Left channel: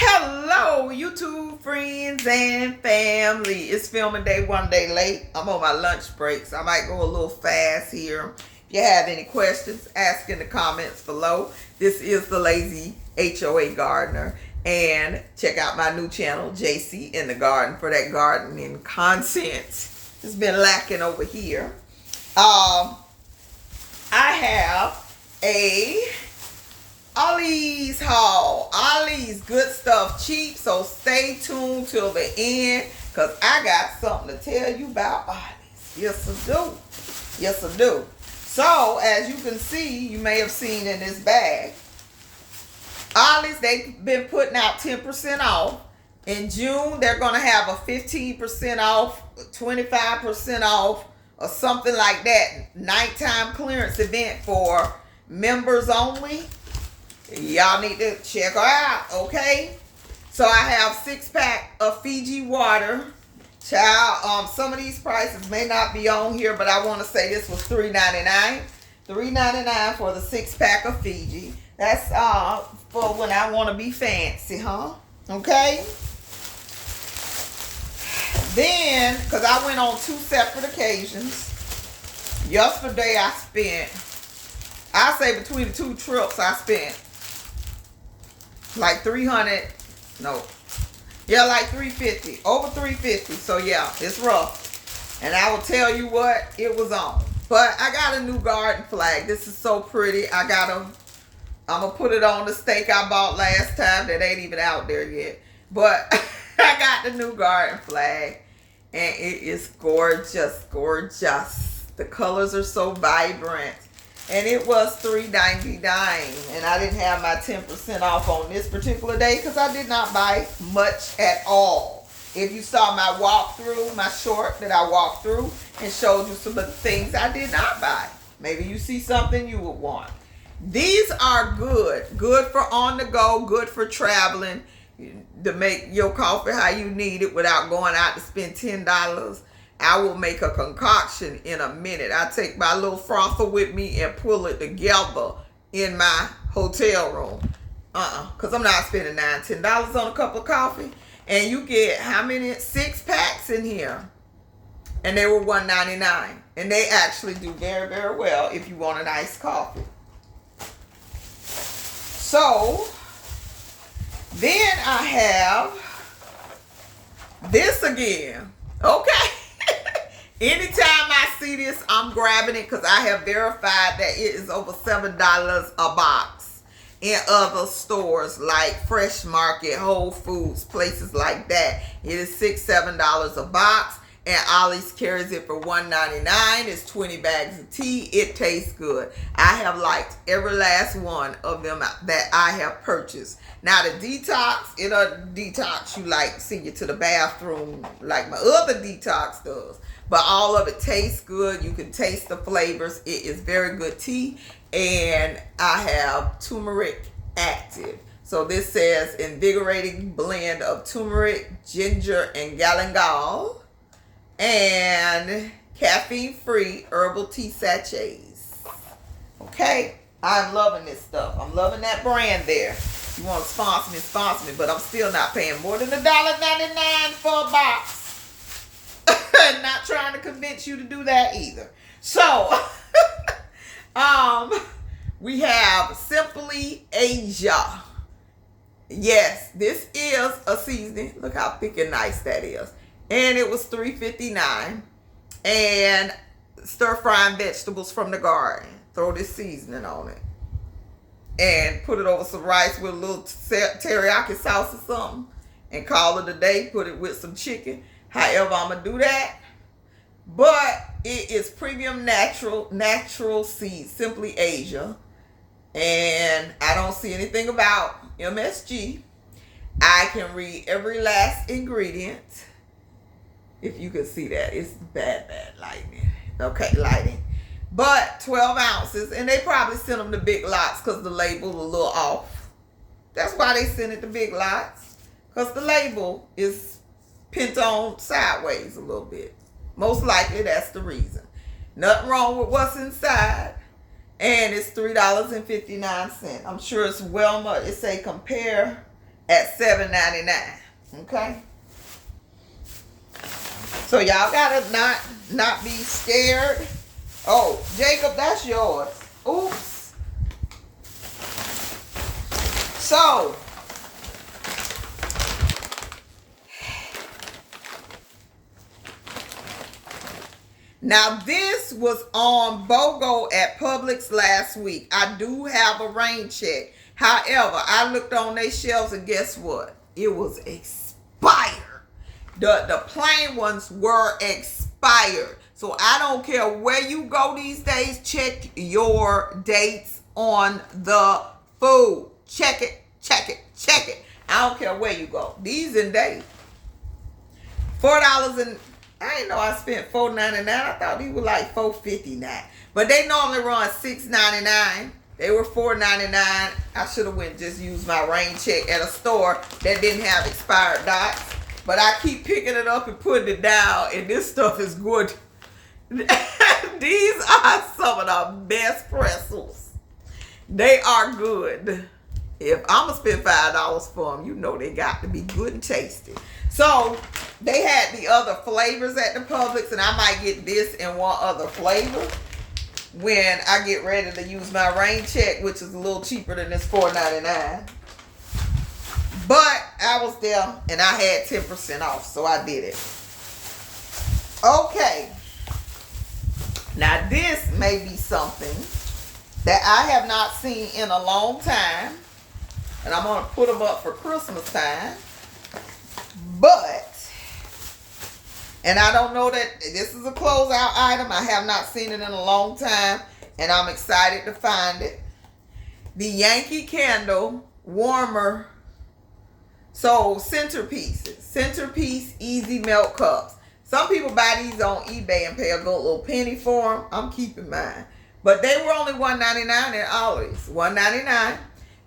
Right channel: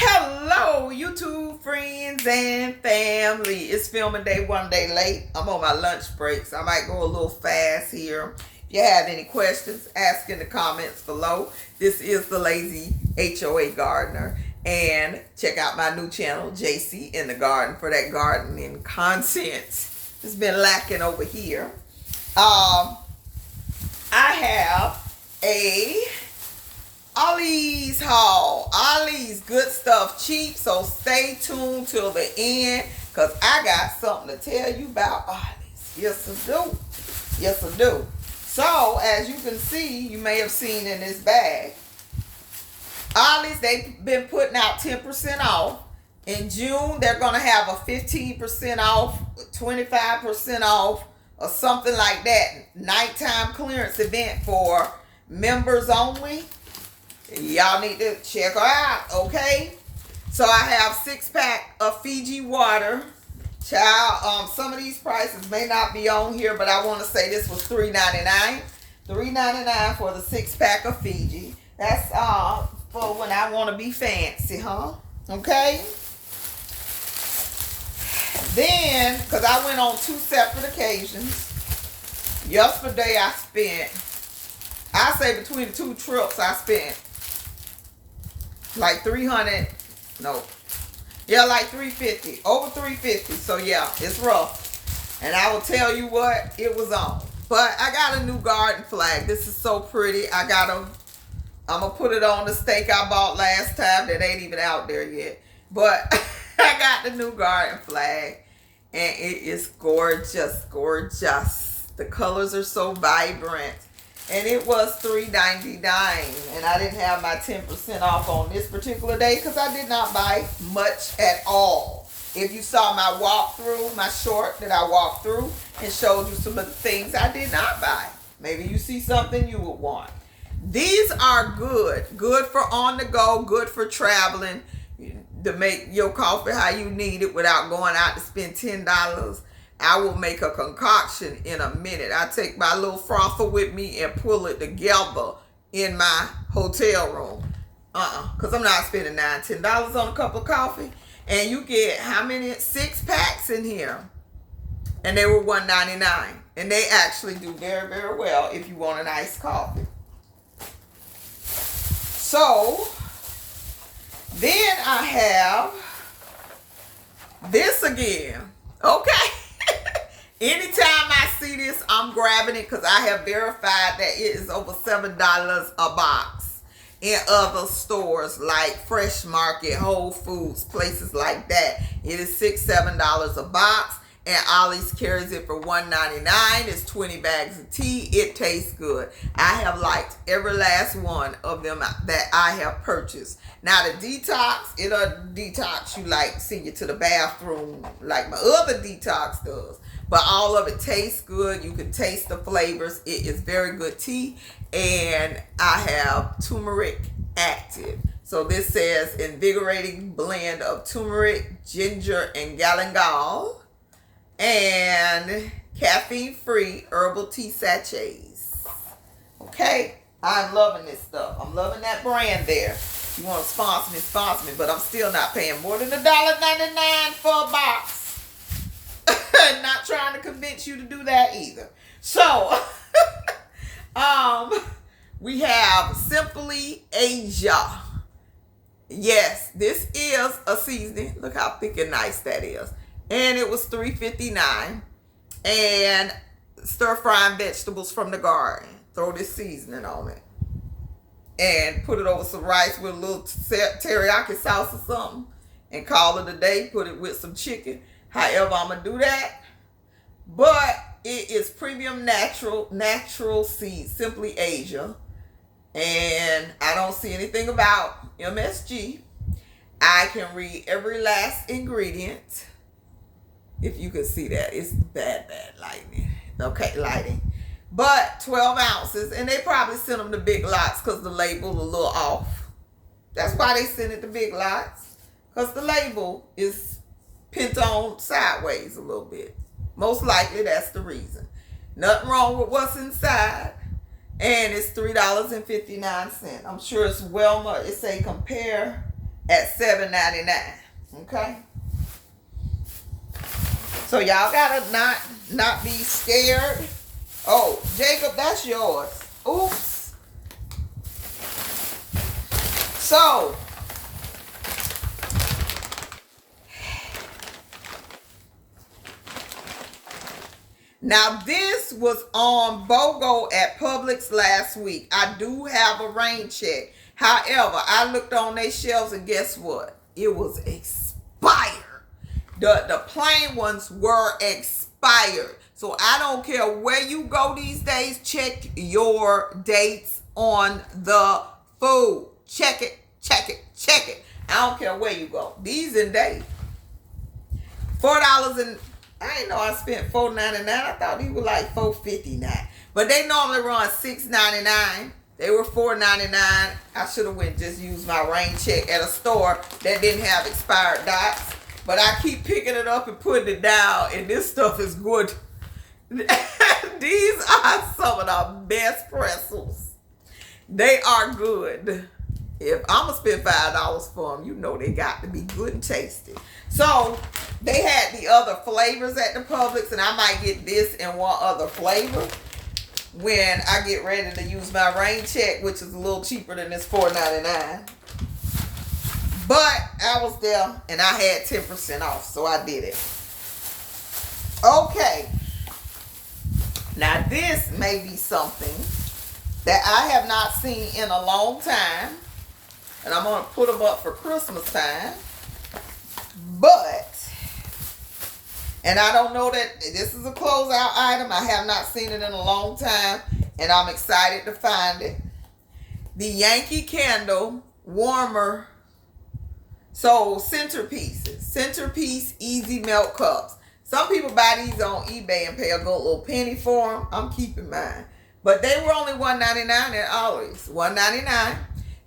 Hello, YouTube friends and family. It's filming day one day late. I'm on my lunch break, so I might go a little fast here. If you have any questions, ask in the comments below. This is the Lazy HOA Gardener. And check out my new channel, JC in the Garden, for that gardening content. It's been lacking over here. I have a Ollie's haul. Ollie's good stuff cheap, so stay tuned till the end because I got something to tell you about Ollie's. Yes, I do. Yes, I do. So, as you can see, you may have seen in this bag, Ollie's, they've been putting out 10% off. In June, they're going to have a 15% off, 25% off, or something like that. Nighttime clearance event for members only. Y'all need to check her out, okay? So I have 6-pack of Fiji water. Child, some of these prices may not be on here, but I want to say this was $3.99. $3.99 for the 6-pack of Fiji. That's for when I want to be fancy, huh? Okay? Then, because I went on 2 separate occasions. Yesterday I spent, I say between the 2 trips I spent like 300, no, yeah, like 350, over 350. So yeah, it's rough. And I will tell you what, it was on. But I got a new garden flag. This is so pretty. I'm gonna put it on the stake I bought last time that ain't even out there yet. But I got the new garden flag and it is gorgeous, gorgeous. The colors are so vibrant. And it was $3.99, and I didn't have my 10% off on this particular day because I did not buy much at all. If you saw my walkthrough, my short that I walked through and showed you some of the things I did not buy. Maybe you see something you would want. These are good. Good for on the go, good for traveling, to make your coffee how you need it without going out to spend $10. I will make a concoction in a minute. I take my little frother with me and pull it together in my hotel room. Because I'm not spending $9, $10 on a cup of coffee. And you get how many? 6 packs in here. And they were $1.99. And they actually do very, very well if you want an iced coffee. So, then I have this again. Okay. Anytime I see this, I'm grabbing it because I have verified that it is over $7 a box in other stores like Fresh Market, Whole Foods, places like that. It is $6, $7 a box, and Ollie's carries it for $1.99. It's 20 bags of tea. It tastes good. I have liked every last one of them that I have purchased. Now the detox, it'll detox you like send you to the bathroom like my other detox does. But all of it tastes good. You can taste the flavors. It is very good tea. And I have turmeric active. So this says invigorating blend of turmeric, ginger, and galangal. And caffeine-free herbal tea sachets. Okay? I'm loving this stuff. I'm loving that brand there. You want to sponsor me, but I'm still not paying more than $1.99 for a box. Not trying to convince you to do that either. So, we have Simply Asia. Yes, this is a seasoning. Look how thick and nice that is. And it was $3.59. And stir frying vegetables from the garden. Throw this seasoning on it. And put it over some rice with a little teriyaki sauce or something. And call it a day. Put it with some chicken. However, I'm going to do that. But it is premium natural seeds, Simply Asia. And I don't see anything about MSG. I can read every last ingredient. If you can see that. It's bad lighting. Okay, lighting. But 12 ounces. And they probably send them to big lots because the label is a little off. That's why they send it to big lots. Because the label is pent on sideways a little bit. Most likely that's the reason. Nothing wrong with what's inside. And it's $3.59. I'm sure it's well much. It say compare at $7.99. Okay. So y'all gotta not be scared. Oh, Jacob, that's yours. Oops. So now this was on BOGO at Publix last week. I do have a rain check. However, I looked on their shelves and guess what? It was expired. The plain ones were expired. So I don't care where you go these days. Check your dates on the food. Check it, check it, check it. I don't care where you go. These in date. $4 and I didn't know I spent $4.99. I thought these were like $4.59. But they normally run $6.99. They were $4.99. I should have went just used my rain check at a store that didn't have expired dots. But I keep picking it up and putting it down, and this stuff is good. These are some of the best pretzels. They are good. If I'm going to spend $5 for them, you know they got to be good and tasty. So, they had the other flavors at the Publix, and I might get this and one other flavor when I get ready to use my rain check, which is a little cheaper than this $4.99. But I was there, and I had 10% off, so I did it. Okay. Now, this may be something that I have not seen in a long time, and I'm going to put them up for Christmas time. But, and I don't know that this is a closeout item. I have not seen it in a long time, and I'm excited to find it. The Yankee Candle Warmer. So, centerpiece easy melt cups. Some people buy these on eBay and pay a good little penny for them. I'm keeping mine. But they were only $1.99 at Ollie's. $1.99.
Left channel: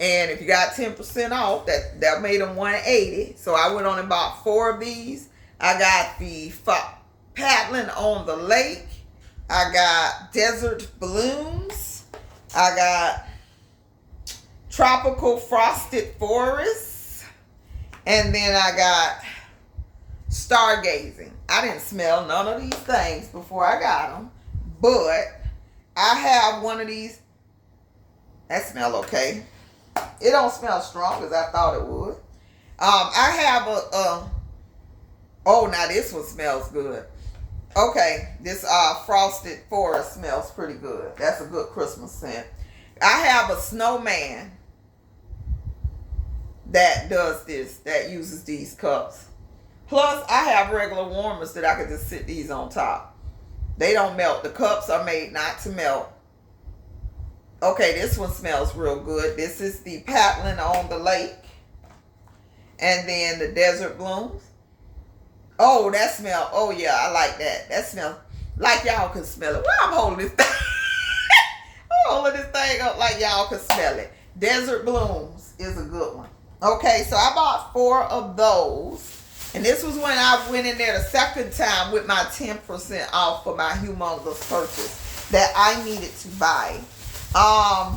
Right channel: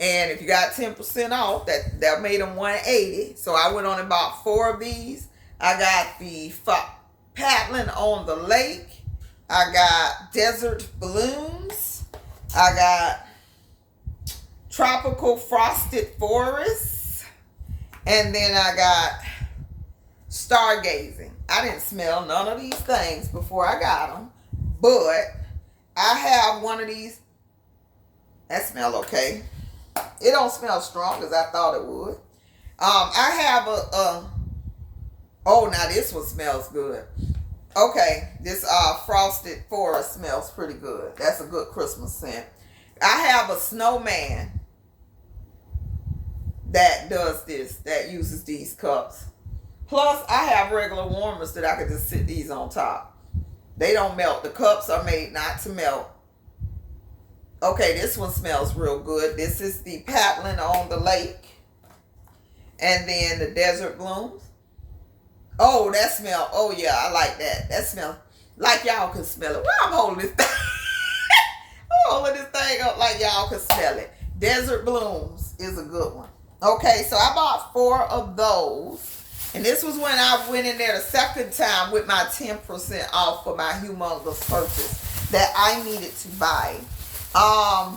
And if you got 10% off, that made them $1.80. So I went on and bought 4 of these. I got the paddling on the lake. I got desert balloons. I got tropical frosted forests. And then I got stargazing. I didn't smell none of these things before I got them. But I have one of these. That smell okay. It don't smell strong as I thought it would. I have oh, now this one smells good. Okay, this frosted forest smells pretty good. That's a good Christmas scent. I have a snowman that does this, that uses these cups. Plus, I have regular warmers that I can just sit these on top. They don't melt. The cups are made not to melt. Okay, this one smells real good. This is the paddling on the lake. And then the desert blooms. Oh, that smell. Oh, yeah, I like that. That smells like y'all can smell it. Well, I'm holding this thing. I'm holding this thing up like y'all can smell it. Desert blooms is a good one. Okay, so I bought 4 of those. And this was when I went in there the second time with my 10% off for my humongous purchase that I needed to buy. I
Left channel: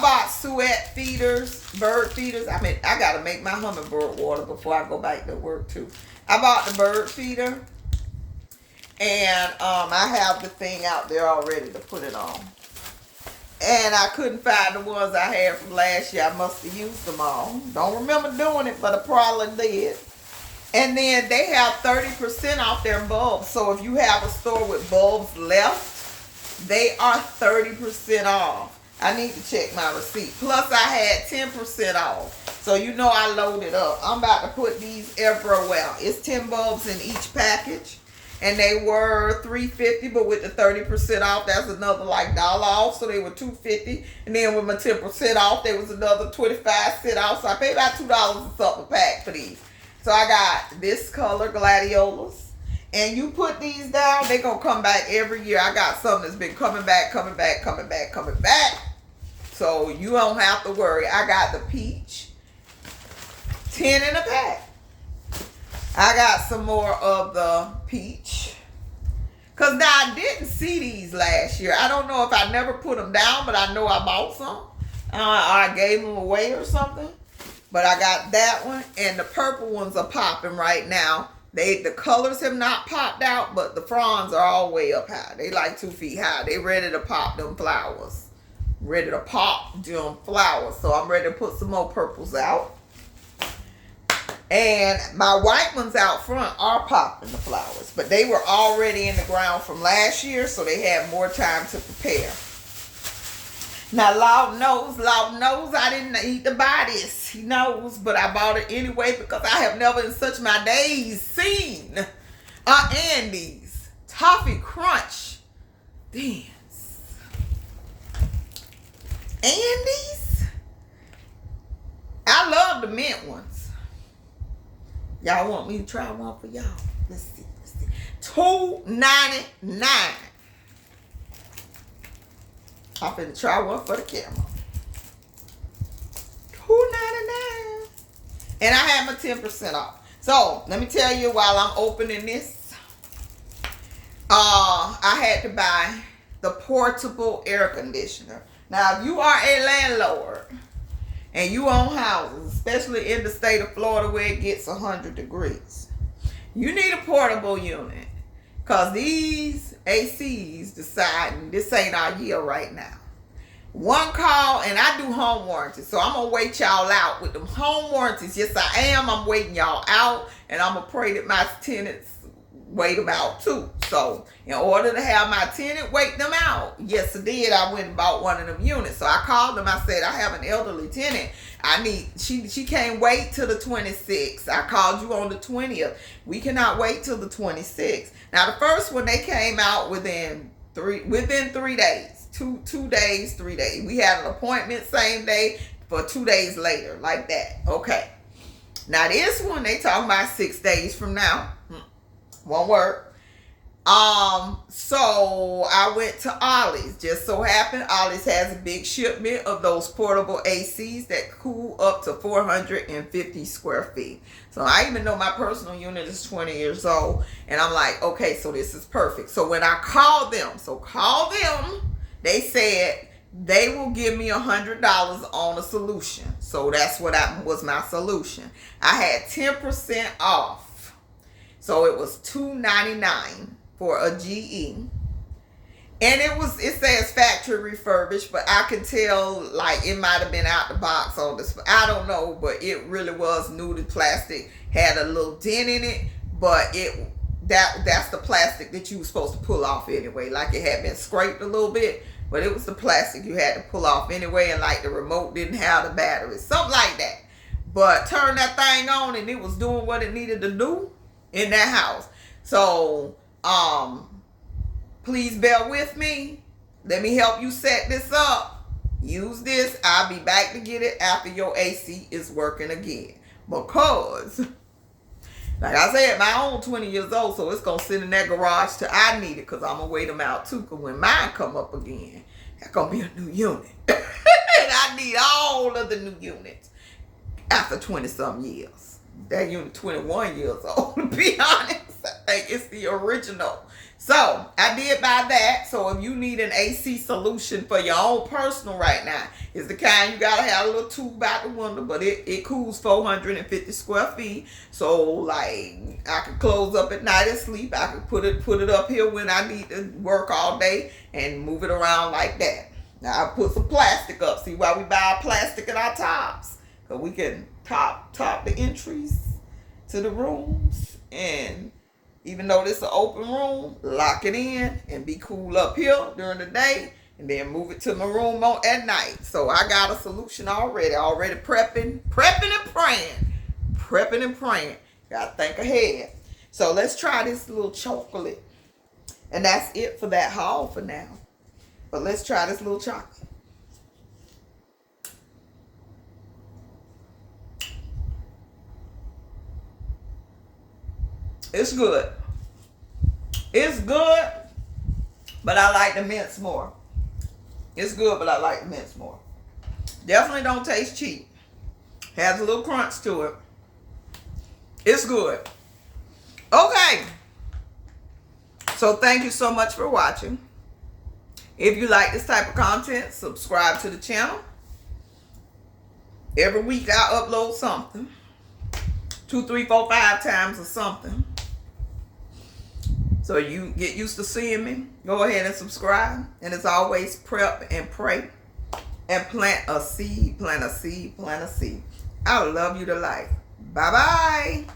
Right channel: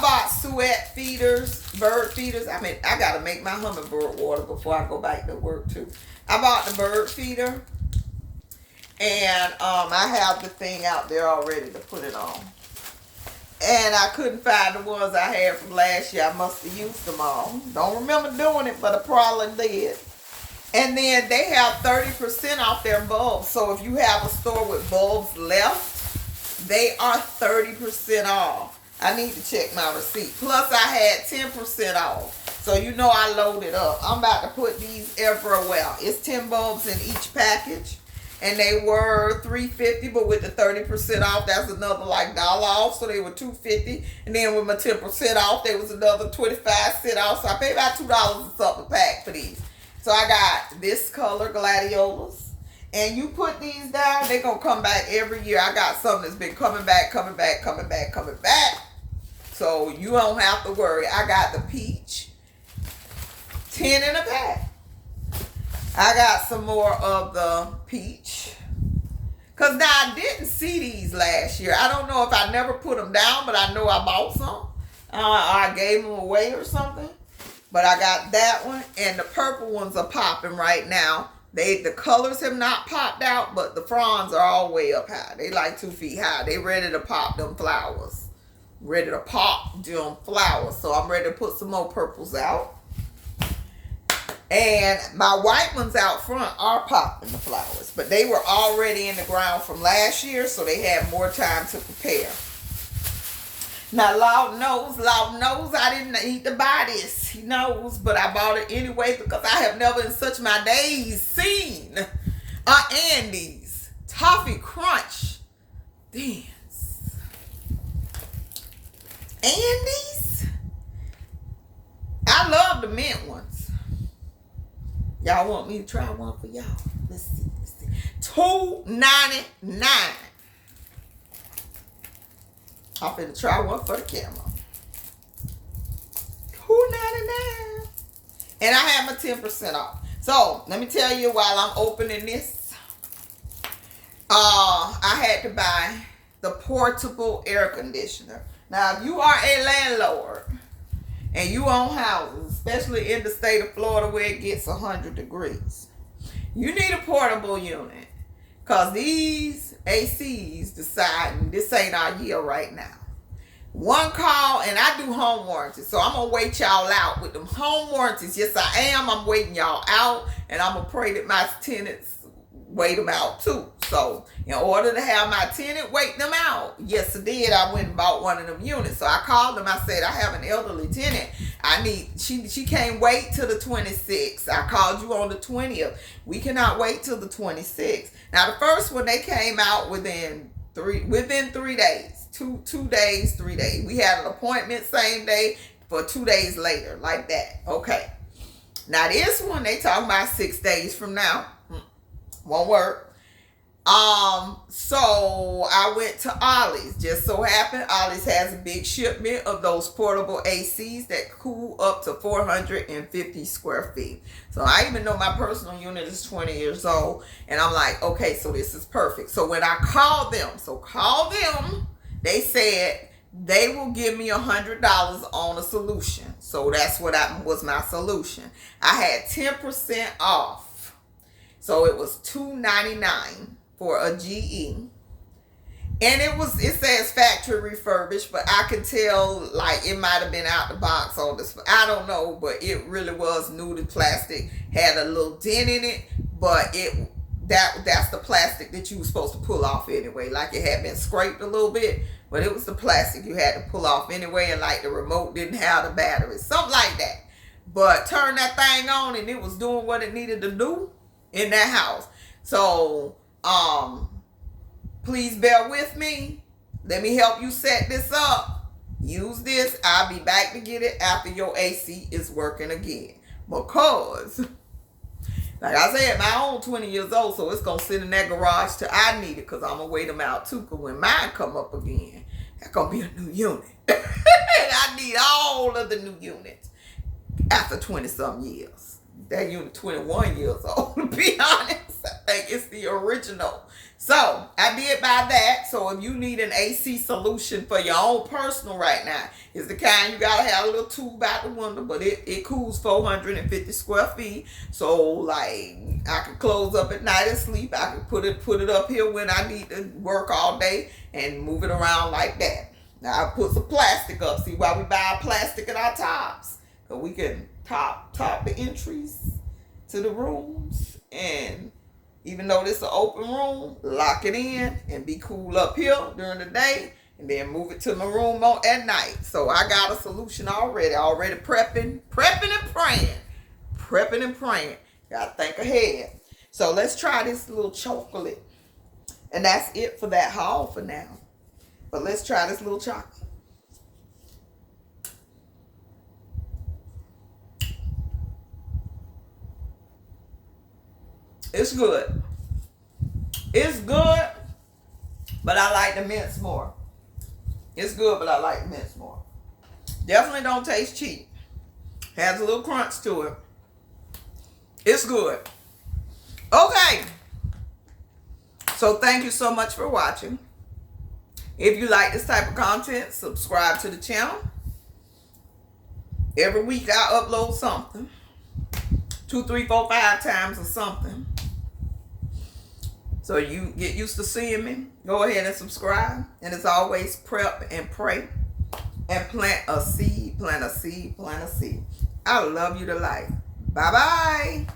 bought suet feeders, bird feeders. I mean, I got to make my hummingbird water before I go back to work too. I bought the bird feeder. And I have the thing out there already to put it on. And I couldn't find the ones I had from last year. I must have used them all. Don't remember doing it, but I probably did. And then they have 30% off their bulbs. So if you have a store with bulbs left, they are 30% off. I need to check my receipt. Plus I had 10% off. So you know I loaded up. I'm about to put these everywhere. It's 10 bulbs in each package. And they were $3.50, but with the 30% off, that's another like $1 off. So they were $2.50. And then with my 10% off, there was another 25% off. So I paid about $2 and something a pack for these. So I got this color, gladiolas. And you put these down, they're going to come back every year. I got something that's been coming back. So you don't have to worry. I got the peach. 10 in a pack. I got some more of the peach. Because now I didn't see these last year. I don't know if I never put them down, but I know I bought some. Or I gave them away or something. But I got that one, and the purple ones are popping right now. The colors have not popped out, but the fronds are all way up high. They like 2 feet high. They ready to pop them flowers. Ready to pop them flowers. So I'm ready to put some more purples out. And my white ones out front are popping the flowers. But they were already in the ground from last year, so they had more time to prepare. Now, Lord knows I didn't need to buy this. He knows, but I bought it anyway because I have never in such my days seen Andy's Toffee Crunch Dance. Andy's? I love the mint ones. Y'all want me to try one for y'all? Let's see. $2.99. I'm finna try one for the camera. $2.99. And I have my 10% off. So, let me tell you while I'm opening this. I had to buy the portable air conditioner. Now, if you are a landlord and you own houses, especially in the state of Florida where it gets 100 degrees, you need a portable unit. Because these ACs deciding this ain't our year right now. One call, and I do home warranties. So I'm going to wait y'all out with them home warranties. Yes, I am. I'm waiting y'all out. And I'm going to pray that my tenants wait them out too. So in order to have my tenant wait them out, yes, I did. I went and bought one of them units. So I called them. I said, I have an elderly tenant. She can't wait till the 26th. I called you on the 20th. We cannot wait till the 26th. Now, the first one, they came out within 3 days. 2 days, 3 days. We had an appointment same day for 2 days later, like that. Okay. Now, this one, they talking about 6 days from now. Won't work. So I went to Ollie's. Just so happened, Ollie's has a big shipment of those portable ACs that cool up to 450 square feet. So I even know my personal unit is 20 years old. And I'm like, okay, so this is perfect. So when I called them, they said they will give me $100 on a solution. So that's what was my solution. I had 10% off. So it was $2.99 for a GE. And it says factory refurbished, but I could tell like it might have been out the box on this. I don't know, but it really was new. The plastic had a little dent in it, but that's the plastic that you were supposed to pull off anyway. Like it had been scraped a little bit, but it was the plastic you had to pull off anyway, and like the remote didn't have the battery. Something like that. But turn that thing on and it was doing what it needed to do in that house. So, please bear with me. Let me help you set this up. Use this. I'll be back to get it after your AC is working again. Because, like I said, my own 20 years old, so it's going to sit in that garage till I need it, because I'm going to wait them out too, because when mine come up again, that's going to be a new unit. And I need all of the new units after 20-some years. That unit 21 years old, to be honest. I think it's the original. So, I did buy that. So, if you need an AC solution for your own personal right now, it's the kind you got to have a little tube out the window, but it cools 450 square feet. So, like, I can close up at night and sleep. I can put it up here when I need to work all day and move it around like that. Now, I put some plastic up. See why we buy plastic in our tops? Because we can top the entries to the rooms, and even though this is an open room, lock it in and be cool up here during the day, and then move it to my room at night. So I got a solution already prepping and praying. Gotta think ahead. So let's try this little chocolate, and that's it for that haul for now. But let's try this little chocolate. It's good. It's good, but I like the mints more. It's good, but I like the mints more. Definitely don't taste cheap. Has a little crunch to it. It's good. Okay. So thank you so much for watching. If you like this type of content, subscribe to the channel. Every week I upload something. 2, 3, 4, 5 times or something. So you get used to seeing me. Go ahead and subscribe. And as always, prep and pray. And plant a seed, plant a seed, plant a seed. I love you to life. Bye-bye.